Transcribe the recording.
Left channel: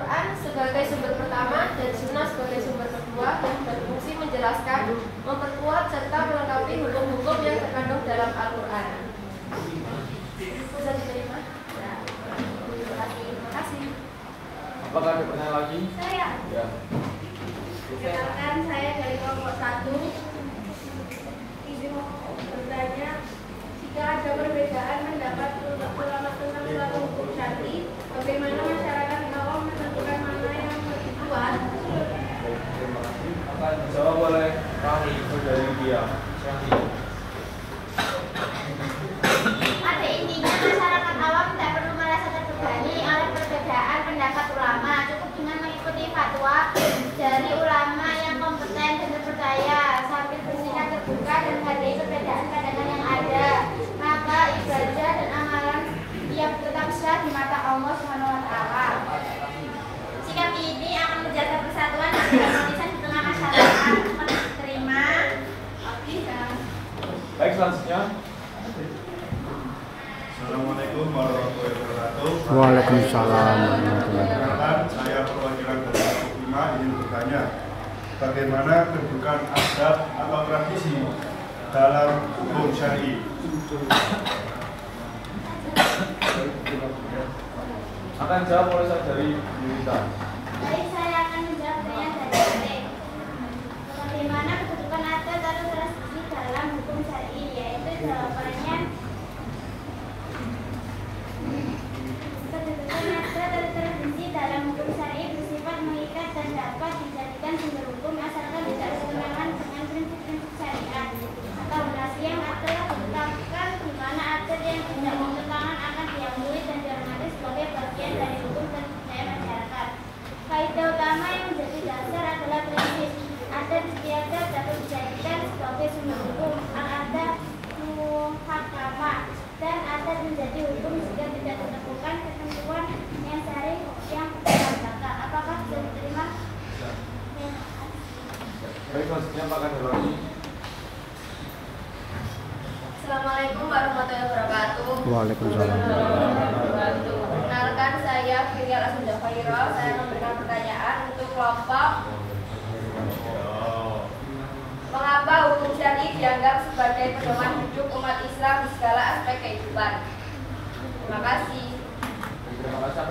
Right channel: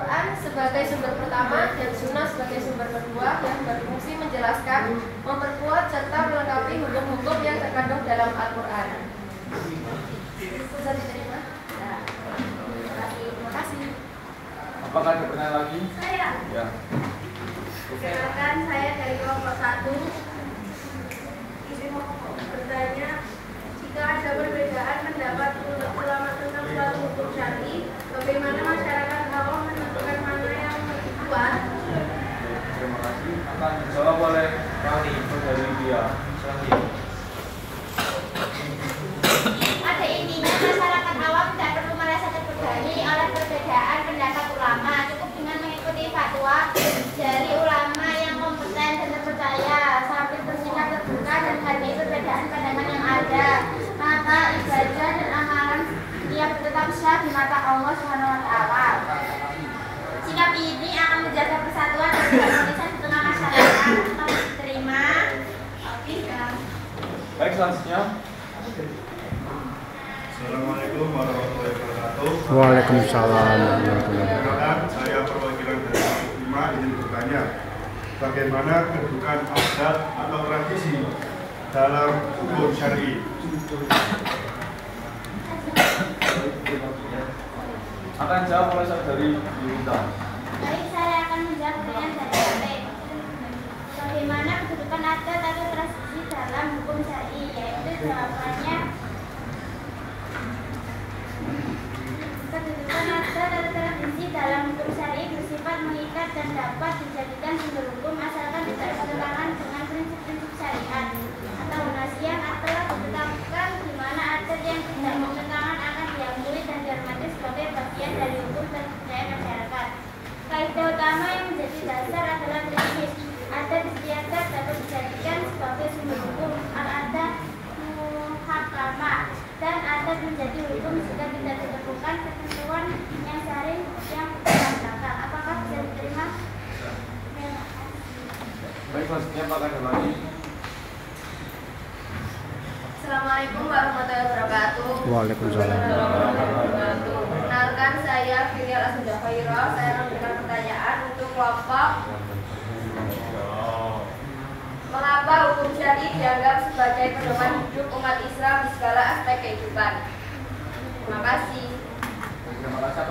Quran sebagai sumber pertama dan Sunnah sebagai sumber kedua yang berfungsi menjelaskan, memperkuat serta melengkapi hukum-hukum yang terkandung dalam Al-Quran. Bisa diterima? Ya. Terima kasih. Apakah ada pertanyaan lagi? Saya. Ya. Perkenalkan, saya dari kelompok 1. Izin bertanya, jika ada perbedaan pendapat ulama tentang suatu hukum syar'i, bagaimana masyarakat awam menentukan mana yang lebih kuat? Terima kasih. Akan dijawab oleh Saudari Bia. Pada intinya, masyarakat awam tidak perlu merasa terbebani oleh perbedaan pendapat ulama. Cukup dengan mengikuti fatwa dari ulama yang kompeten dan terpercaya sambil bersikap terbuka dan menghargai perbedaan pandangan yang ada. Maka ibadah dan amalan ia tetap sah di mata Allah Subhanahu wa taala. Sikap ini akan menjaga persatuan dan keharmonisan di tengah masyarakat. Terima. Oke. Baik, selanjutnya. Assalamualaikum warahmatullahi wabarakatuh. Waalaikumsalam warahmatullahi wabarakatuh. Perkenalkan, saya perwakilan dari kelompok 5 ingin bertanya, bagaimana kedudukan adat atau tradisi dalam hukum syar'i? Akan jawab oleh Saudari Yunita. Baik, saya akan menjawab pertanyaan dari Ade. Bagaimana kedudukan adat atau tradisi dalam hukum syar'i? Yaitu jawabannya, kedudukan adat atau tradisi dalam hukum syar'i bersifat mengikat dan dapat dijadikan sumber hukum asalkan tidak bertentangan dengan prinsip-prinsip syariat atau donasi yang telah ditetapkan, di mana adat yang tidak bertentangan akan diakui dan dihormati sebagai bagian dari hukum dan budaya masyarakat. Kaidah utama yang menjadi dasar adalah prinsip adat istiadat dapat dijadikan sebagai sumber hukum, al-adat muhakamah, dan adat menjadi hukum jika tidak ditemukan ketentuan yang syar'i yang berbeda. Apakah bisa diterima? Baik, selanjutnya Pak ada lagi. Assalamualaikum warahmatullahi wabarakatuh. Waalaikumsalam. Perkenalkan, saya Firial Asunda Khairul. Saya akan memberikan pertanyaan untuk kelompok. Mengapa hukum syar'i dianggap sebagai pedoman hidup umat Islam di segala aspek kehidupan? Terima kasih. Terima kasih.